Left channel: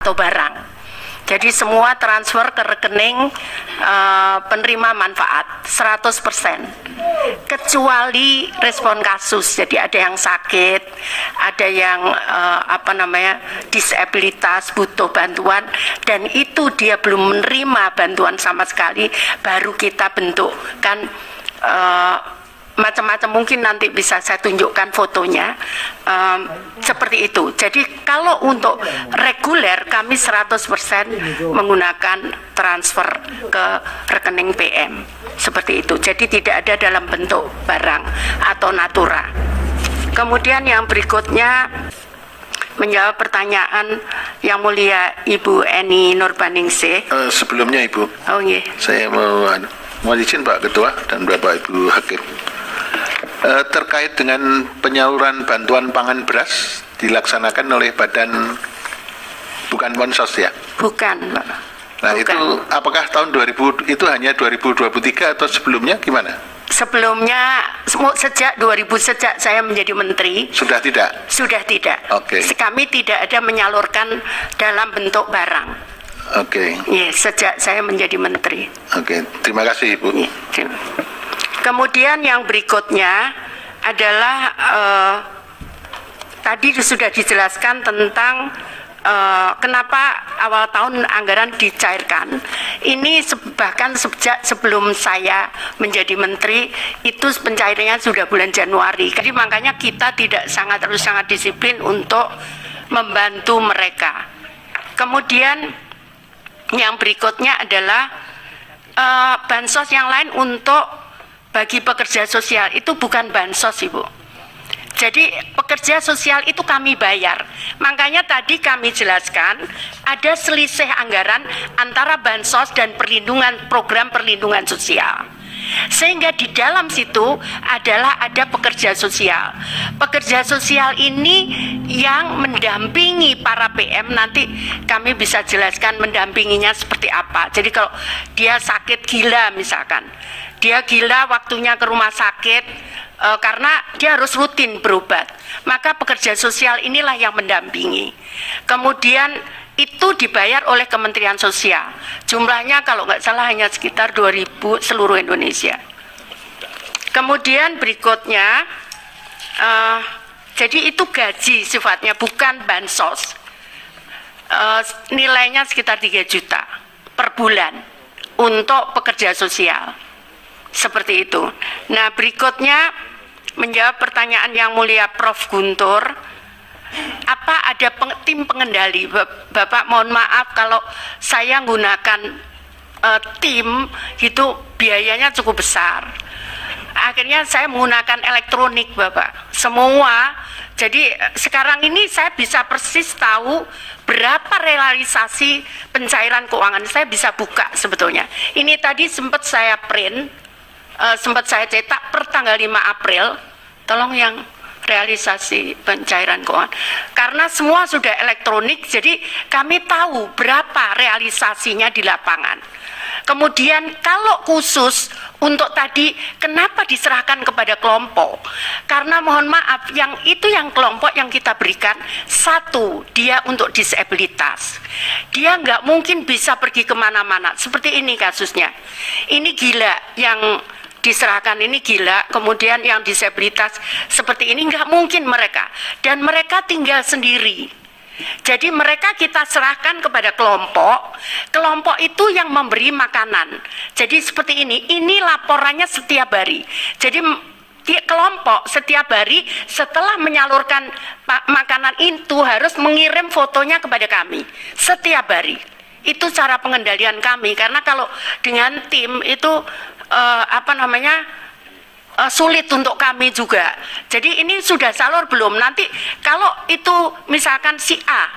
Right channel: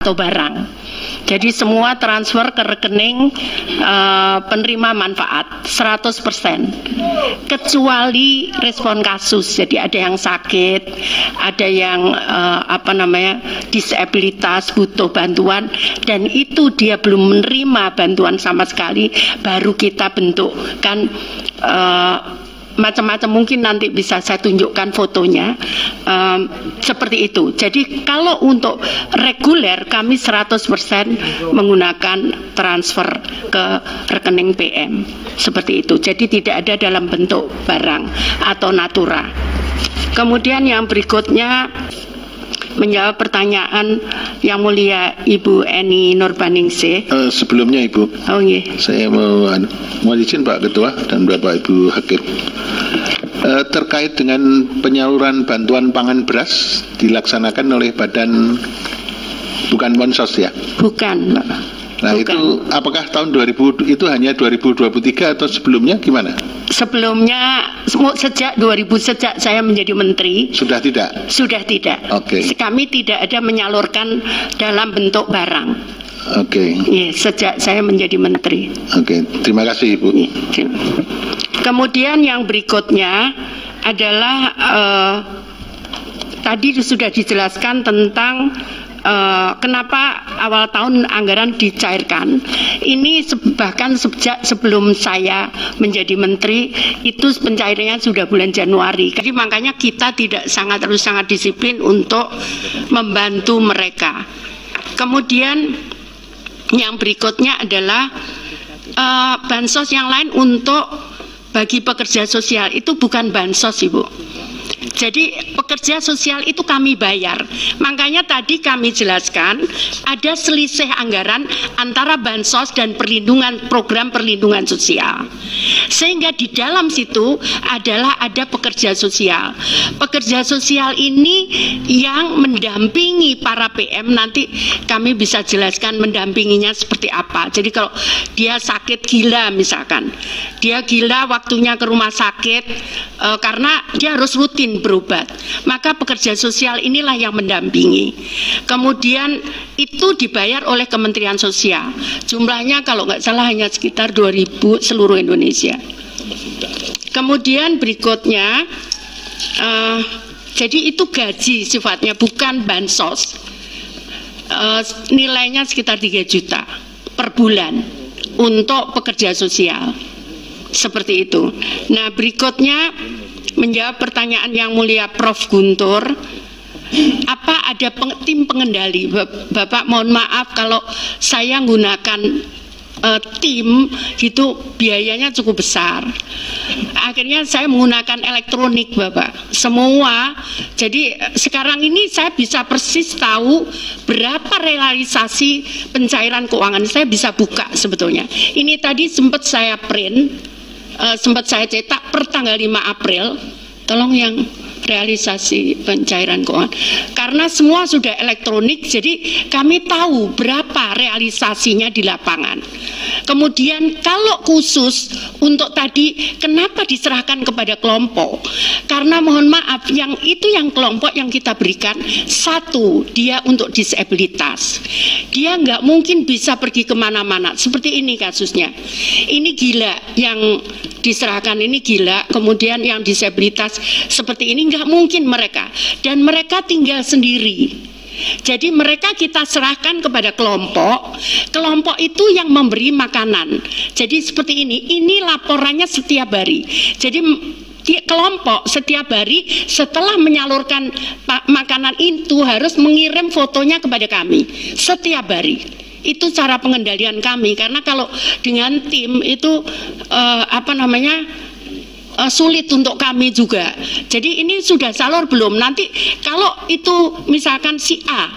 atau barang. Jadi semua transfer ke rekening penerima manfaat 100%, kecuali respon kasus. Jadi ada yang sakit, ada yang disabilitas, butuh bantuan, dan itu dia belum menerima bantuan sama sekali, baru kita bentukkan macam-macam. Mungkin nanti bisa saya tunjukkan fotonya, seperti itu. Jadi kalau untuk reguler kami 100% menggunakan transfer ke rekening PM, seperti itu. Jadi tidak ada dalam bentuk barang atau natura. Kemudian yang berikutnya menjawab pertanyaan Yang Mulia Ibu Eni Nurbaningsih. Sebelumnya Ibu, saya mau izin Pak Ketua dan Bapak Ibu Hakim. Terkait dengan penyaluran bantuan pangan beras dilaksanakan oleh badan, bukan Bansos ya? Bukan, Pak. Nah, bukan. Itu apakah tahun 2000 itu hanya 2023 atau sebelumnya gimana? Sebelumnya sejak 2000, sejak saya menjadi menteri. Sudah tidak? Sudah tidak. Oke. Kami tidak ada menyalurkan dalam bentuk barang. Oke. Sejak saya menjadi menteri. Oke, terima kasih Ibu. Kemudian yang berikutnya adalah tadi sudah dijelaskan tentang kenapa awal tahun anggaran dicairkan. Ini bahkan sejak sebelum saya menjadi menteri itu pencairannya sudah bulan Januari. Jadi makanya kita harus sangat disiplin untuk membantu mereka. Kemudian yang berikutnya adalah bansos yang lain untuk bagi pekerja sosial, itu bukan bansos Ibu. Jadi pekerja sosial itu kami bayar. Makanya tadi kami jelaskan ada selisih anggaran antara bansos dan program perlindungan sosial. Sehingga di dalam situ ada pekerja sosial. Pekerja sosial ini yang mendampingi para PM, nanti kami bisa jelaskan mendampinginya seperti apa. Jadi kalau dia sakit gila misalkan, dia gila waktunya ke rumah sakit karena dia harus rutin berobat, maka pekerja sosial inilah yang mendampingi. Kemudian itu dibayar oleh Kementerian Sosial. Jumlahnya kalau nggak salah hanya sekitar 2.000 seluruh Indonesia. Kemudian berikutnya, jadi itu gaji sifatnya, bukan bansos. Nilainya sekitar 3 juta per bulan untuk pekerja sosial. Seperti itu. Nah, berikutnya menjawab pertanyaan Yang Mulia Prof. Guntur, apa ada tim pengendali? Bapak mohon maaf kalau saya menggunakan tim itu biayanya cukup besar. Akhirnya saya menggunakan elektronik Bapak, semua. Jadi sekarang ini saya bisa persis tahu berapa realisasi pencairan keuangan. Saya bisa buka sebetulnya. Ini tadi sempat saya print, sempat saya cetak per tanggal 5 April, tolong yang realisasi pencairan keuangan. Karena semua sudah elektronik, jadi kami tahu berapa realisasinya di lapangan. Kemudian kalau khusus untuk tadi, kenapa diserahkan kepada kelompok? Karena mohon maaf, yang kelompok yang kita berikan, satu, dia untuk disabilitas. Dia nggak mungkin bisa pergi kemana-mana. Seperti ini kasusnya. Ini gila yang diserahkan, ini gila, kemudian yang disabilitas seperti ini nggak mungkin mereka, dan mereka tinggal sendiri. Jadi mereka kita serahkan kepada kelompok itu yang memberi makanan. Jadi seperti ini laporannya setiap hari. Jadi kelompok setiap hari setelah menyalurkan makanan itu harus mengirim fotonya kepada kami setiap hari. Itu cara pengendalian kami, karena kalau dengan tim itu sulit untuk kami juga. Jadi ini sudah salur belum? Nanti kalau itu misalkan si A,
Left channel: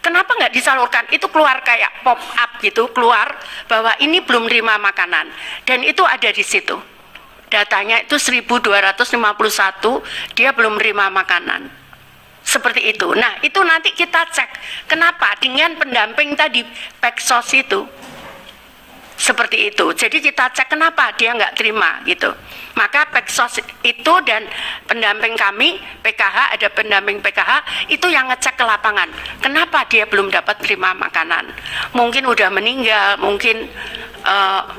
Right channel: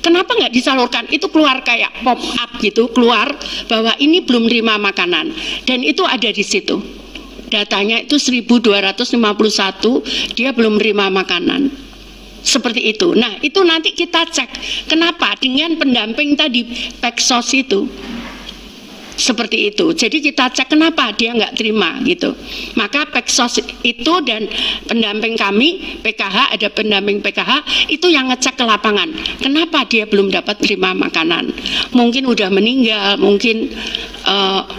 kenapa nggak disalurkan? Itu keluar kayak pop up gitu, keluar bahwa ini belum terima makanan, dan itu ada di situ. Datanya itu 1251, dia belum terima makanan. Seperti itu. Nah, itu nanti kita cek. Kenapa? Dengan pendamping tadi, Peksos itu. Seperti itu. Jadi kita cek kenapa dia nggak terima gitu. Maka Peksos itu dan pendamping kami PKH, ada pendamping PKH itu yang ngecek ke lapangan. Kenapa dia belum dapat terima makanan? Mungkin udah meninggal,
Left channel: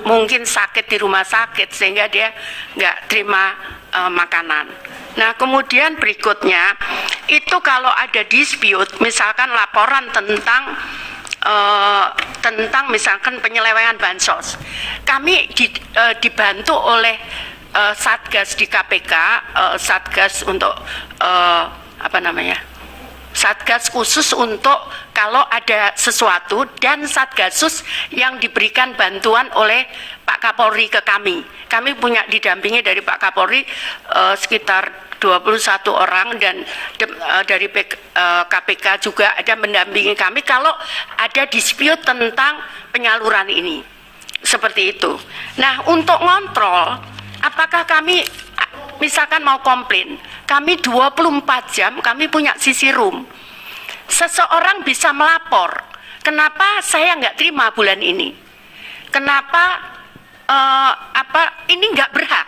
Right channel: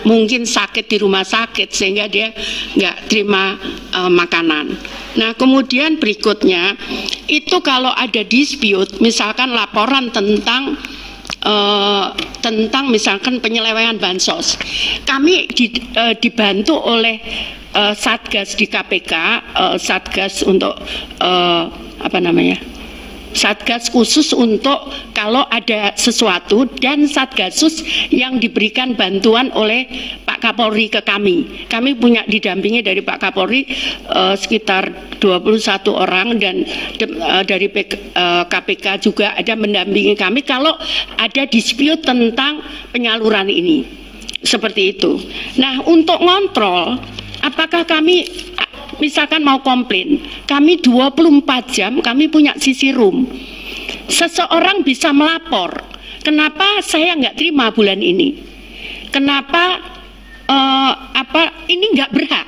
mungkin sakit di rumah sakit sehingga dia nggak terima makanan. Nah kemudian berikutnya itu kalau ada dispute, misalkan laporan tentang misalkan penyelewengan bansos, kami dibantu oleh Satgas di KPK, Satgas untuk Satgas khusus untuk kalau ada sesuatu, dan Satgasus yang diberikan bantuan oleh Pak Kapolri ke kami. Kami punya didampingi dari Pak Kapolri sekitar 21 orang, dan dari KPK juga ada mendampingi kami kalau ada dispute tentang penyaluran ini. Seperti itu. Nah, untuk ngontrol apakah kami misalkan mau komplain, kami 24 jam kami punya sisi room. Seseorang bisa melapor, kenapa saya nggak terima bulan ini, kenapa ini nggak berhak.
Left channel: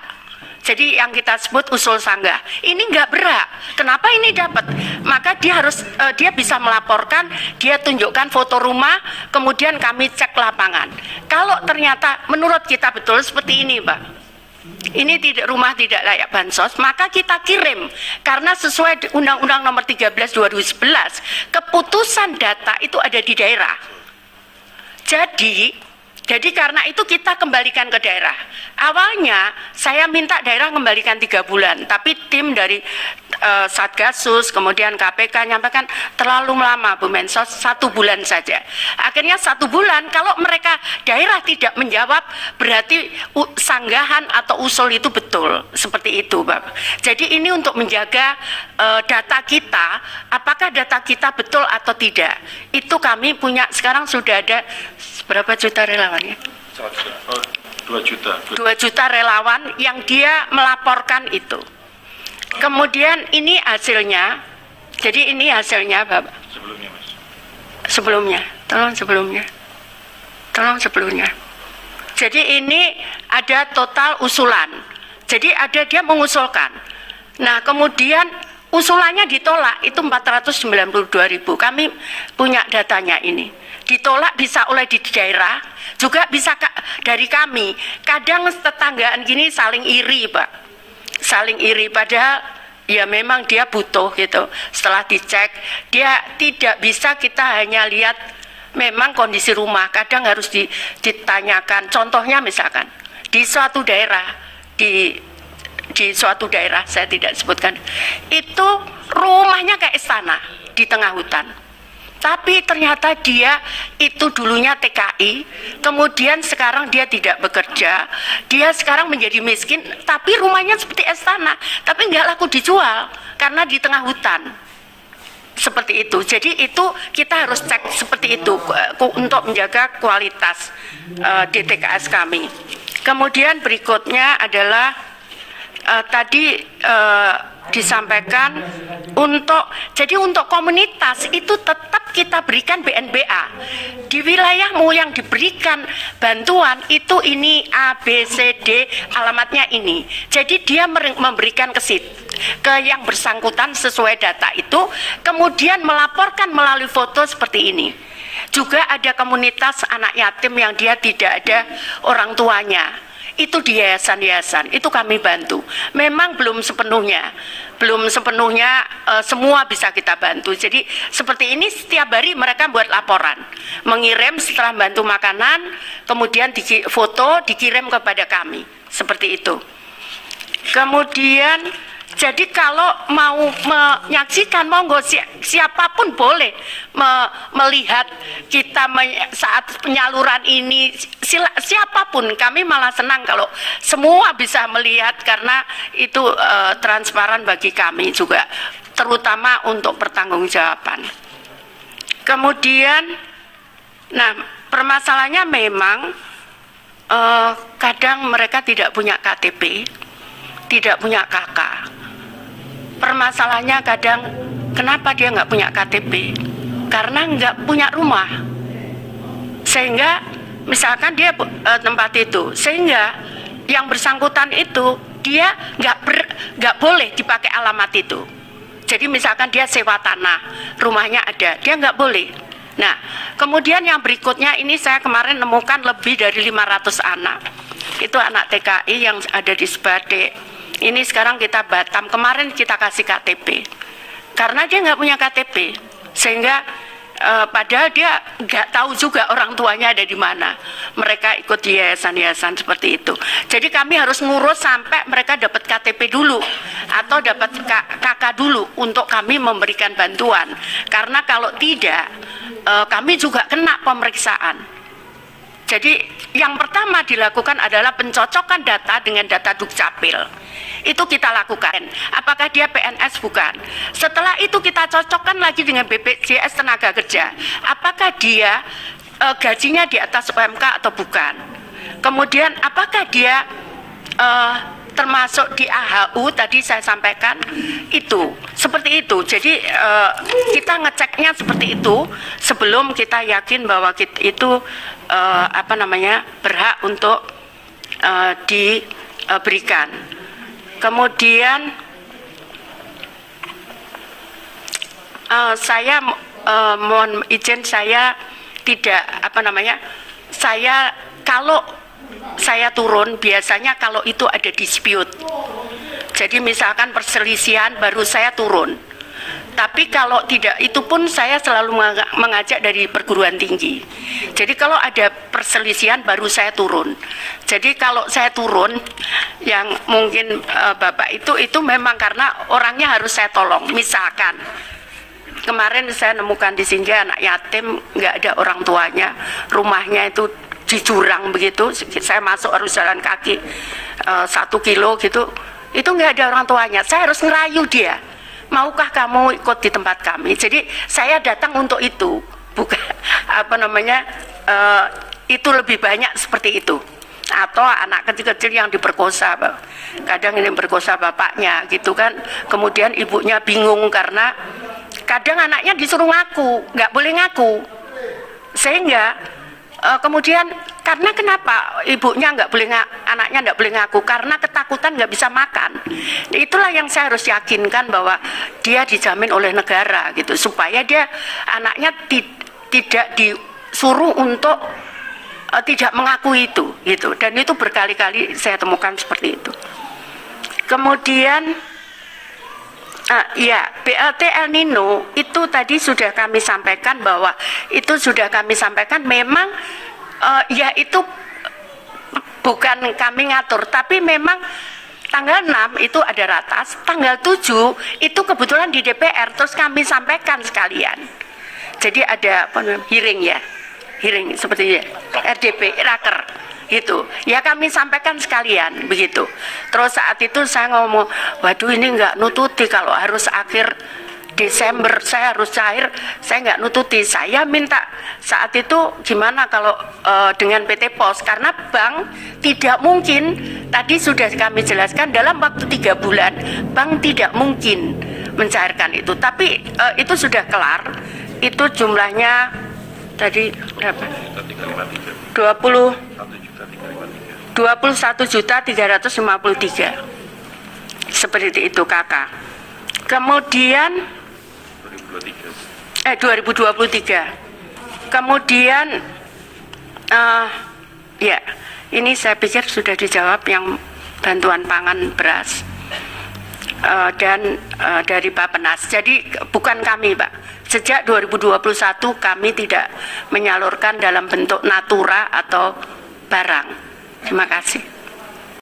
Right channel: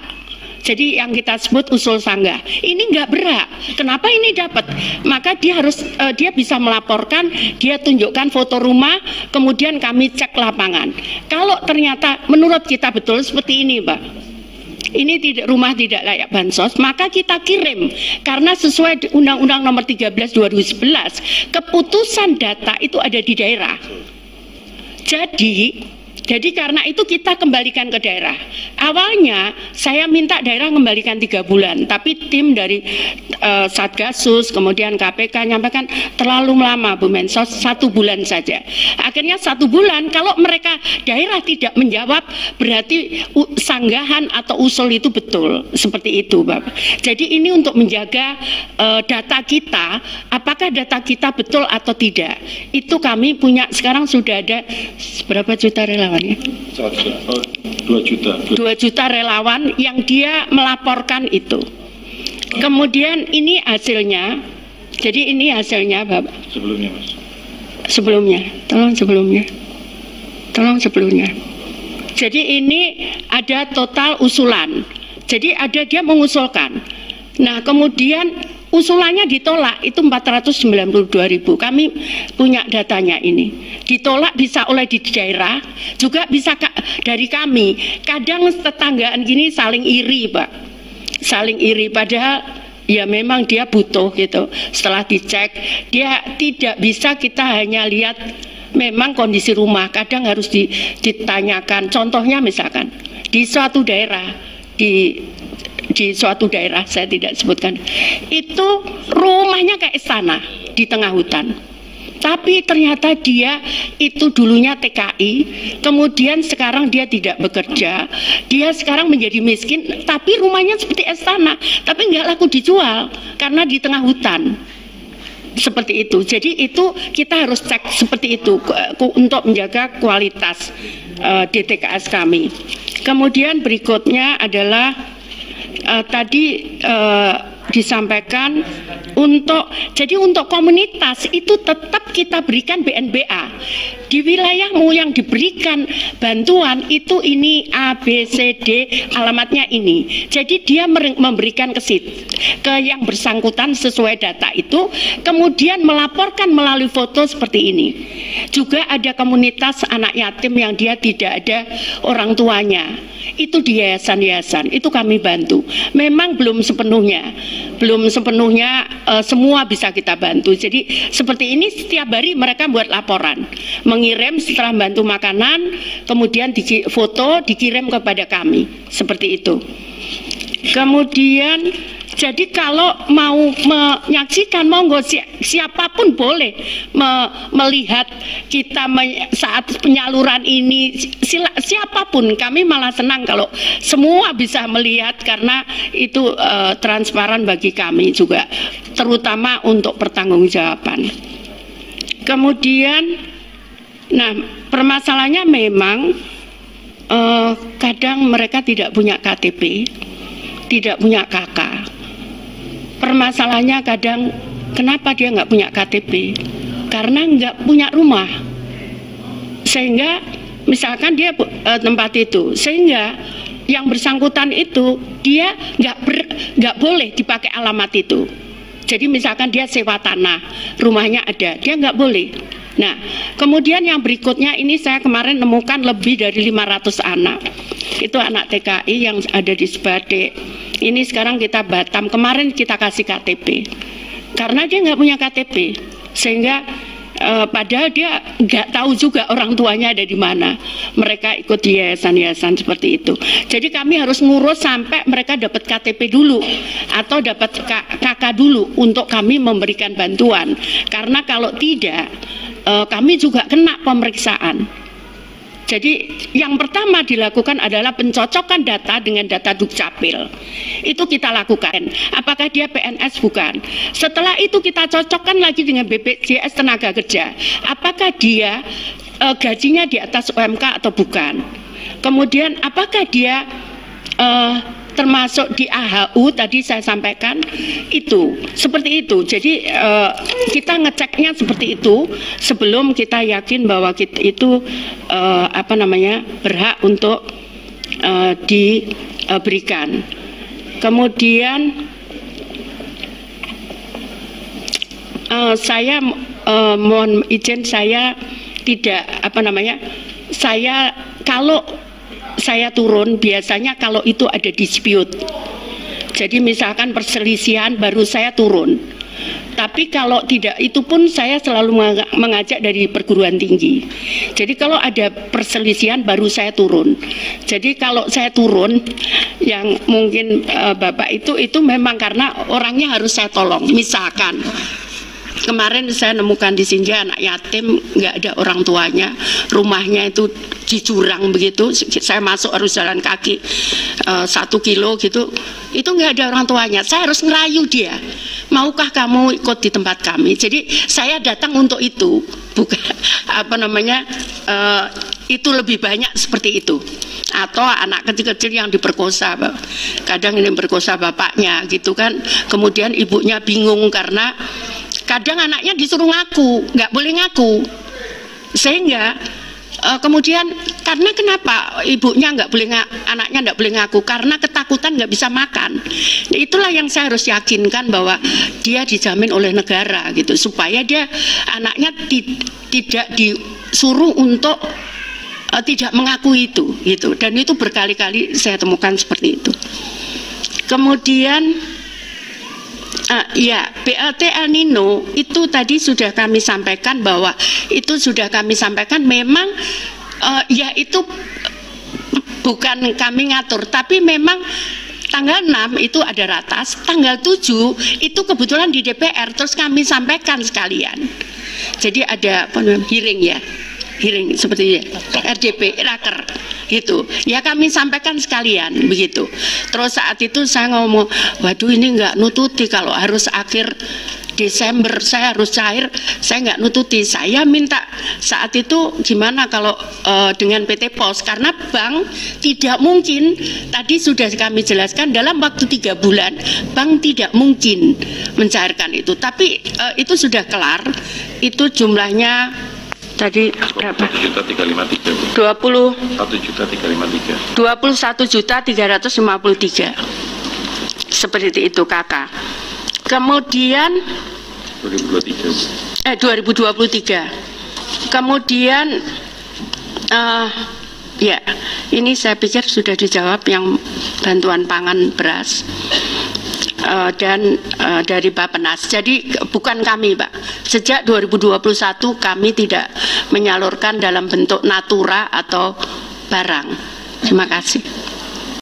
Jadi yang kita sebut usul sanggah, ini nggak berhak, kenapa ini dapat? Maka dia harus dia bisa melaporkan, dia tunjukkan foto rumah, kemudian kami cek lapangan. Kalau ternyata menurut kita betul seperti ini, Pak, ini rumah tidak layak bansos, maka kita kirim. Karena sesuai Undang-Undang Nomor 13 2011, keputusan data itu ada di daerah. Jadi karena itu kita kembalikan ke daerah. Awalnya saya minta daerah kembalikan 3 bulan, tapi tim dari Satgasus kemudian KPK nyampaikan terlalu lama Bu Mensos, 1 bulan saja. Akhirnya 1 bulan, kalau mereka daerah tidak menjawab berarti sanggahan atau usul itu betul. Seperti itu Bapak. Jadi ini untuk menjaga data kita, apakah data kita betul atau tidak. Itu kami punya, sekarang sudah ada berapa juta relawan? 2 juta. 2 juta relawan yang dia melaporkan itu. Kemudian ini hasilnya. Jadi ini hasilnya Bapak. Sebelumnya Mas. Tolong sebelumnya. Jadi ini ada total usulan. Jadi ada dia mengusulkan. Nah kemudian usulannya ditolak, itu 492.000. Kami punya datanya ini. Ditolak bisa oleh di daerah, juga bisa dari kami. Kadang tetanggaan gini saling iri, Pak. Saling iri, padahal ya memang dia butuh gitu. Setelah dicek, dia tidak bisa kita hanya lihat memang kondisi rumah. Kadang harus ditanyakan. Contohnya misalkan, di suatu daerah, di suatu daerah, saya tidak sebutkan, itu rumahnya kayak istana di tengah hutan, tapi ternyata dia itu dulunya TKI, kemudian sekarang dia tidak bekerja, dia sekarang menjadi miskin, tapi rumahnya seperti istana, tapi nggak laku dijual karena di tengah hutan. Seperti itu. Jadi itu kita harus cek seperti itu untuk menjaga kualitas DTKS kami. Kemudian berikutnya adalah tadi disampaikan untuk komunitas itu tetap kita berikan BNBA. Di wilayahmu yang diberikan bantuan itu ini A, B, C, D, alamatnya ini. Jadi dia memberikan ke yang bersangkutan sesuai data itu, kemudian melaporkan melalui foto seperti ini. Juga ada komunitas anak yatim yang dia tidak ada orang tuanya. Itu di yayasan-yayasan, itu kami bantu. Memang belum sepenuhnya semua bisa kita bantu. Jadi seperti ini setiap hari mereka buat laporan, mengirim setelah bantu makanan, kemudian foto dikirim kepada kami, seperti itu. Kemudian jadi kalau mau menyaksikan, monggo siapapun boleh melihat kita saat penyaluran ini, siapapun. Kami malah senang kalau semua bisa melihat karena itu transparan bagi kami juga, terutama untuk pertanggungjawaban. Kemudian, nah permasalahannya memang kadang mereka tidak punya KTP, tidak punya KK. Permasalahannya kadang kenapa dia nggak punya KTP? Karena nggak punya rumah, sehingga misalkan dia tempat itu, sehingga yang bersangkutan itu dia nggak boleh dipakai alamat itu. Jadi misalkan dia sewa tanah, rumahnya ada, dia nggak boleh. Nah, kemudian yang berikutnya ini saya kemarin nemukan lebih dari 500 anak. Itu anak TKI yang ada di Sebatik. Ini sekarang kita Batam, kemarin kita kasih KTP. Karena dia nggak punya KTP, sehingga padahal dia nggak tahu juga orang tuanya ada di mana. Mereka ikut yayasan-yayasan seperti itu. Jadi kami harus ngurus sampai mereka dapat KTP dulu atau dapat KK dulu untuk kami memberikan bantuan. Karena kalau tidak, kami juga kena pemeriksaan. Jadi yang pertama dilakukan adalah pencocokan data dengan data Dukcapil. Itu kita lakukan. Apakah dia PNS bukan? Setelah itu kita cocokkan lagi dengan BPJS Tenaga Kerja. Apakah dia gajinya di atas UMK atau bukan? Kemudian apakah dia termasuk di AHU tadi saya sampaikan itu seperti itu. Jadi kita ngeceknya seperti itu sebelum kita yakin bahwa itu berhak untuk diberikan. Kemudian saya mohon izin, saya tidak kalau saya turun biasanya kalau itu ada dispute. Jadi misalkan perselisihan baru saya turun. Tapi kalau tidak, itu pun saya selalu mengajak dari perguruan tinggi. Jadi kalau ada perselisihan baru saya turun. Jadi kalau saya turun, yang mungkin Bapak itu memang karena orangnya harus saya tolong. Misalkan kemarin saya nemukan di Sinja anak yatim, nggak ada orang tuanya, rumahnya itu di jurang begitu, saya masuk harus jalan kaki 1 kilo gitu, itu nggak ada orang tuanya. Saya harus ngerayu dia, maukah kamu ikut di tempat kami? Jadi saya datang untuk itu, bukan itu lebih banyak seperti itu. Atau anak kecil-kecil yang diperkosa, kadang ini perkosa bapaknya gitu kan, kemudian ibunya bingung karena kadang anaknya disuruh ngaku, nggak boleh ngaku, sehingga kemudian karena kenapa ibunya nggak boleh anaknya nggak boleh ngaku, karena ketakutan nggak bisa makan. Itulah yang saya harus yakinkan bahwa dia dijamin oleh negara gitu, supaya dia anaknya tidak disuruh untuk tidak mengakui itu gitu. Dan itu berkali-kali saya temukan seperti itu. Kemudian ya, BLT El Nino itu tadi sudah kami sampaikan bahwa itu sudah kami sampaikan memang ya itu bukan kami ngatur, tapi memang tanggal 6 itu ada ratas, tanggal 7 itu kebetulan di DPR, terus kami sampaikan sekalian. Jadi ada hearing ya, hearing seperti RDP, raker gitu ya, kami sampaikan sekalian begitu. Terus saat itu saya ngomong, waduh ini nggak nututi, kalau harus akhir Desember saya harus cair, saya nggak nututi. Saya minta saat itu gimana kalau dengan PT Pos, karena bank tidak mungkin, tadi sudah kami jelaskan dalam waktu 3 bulan bank tidak mungkin mencairkan itu. Tapi itu sudah kelar, itu jumlahnya tadi berapa? 21.353. 21.353. Seperti itu kakak. Kemudian 2023. Kemudian ya, ini saya pikir sudah dijawab yang bantuan pangan beras dan dari Bappenas. Jadi bukan kami, Pak. Sejak 2021 kami tidak menyalurkan dalam bentuk natura atau barang. Terima kasih.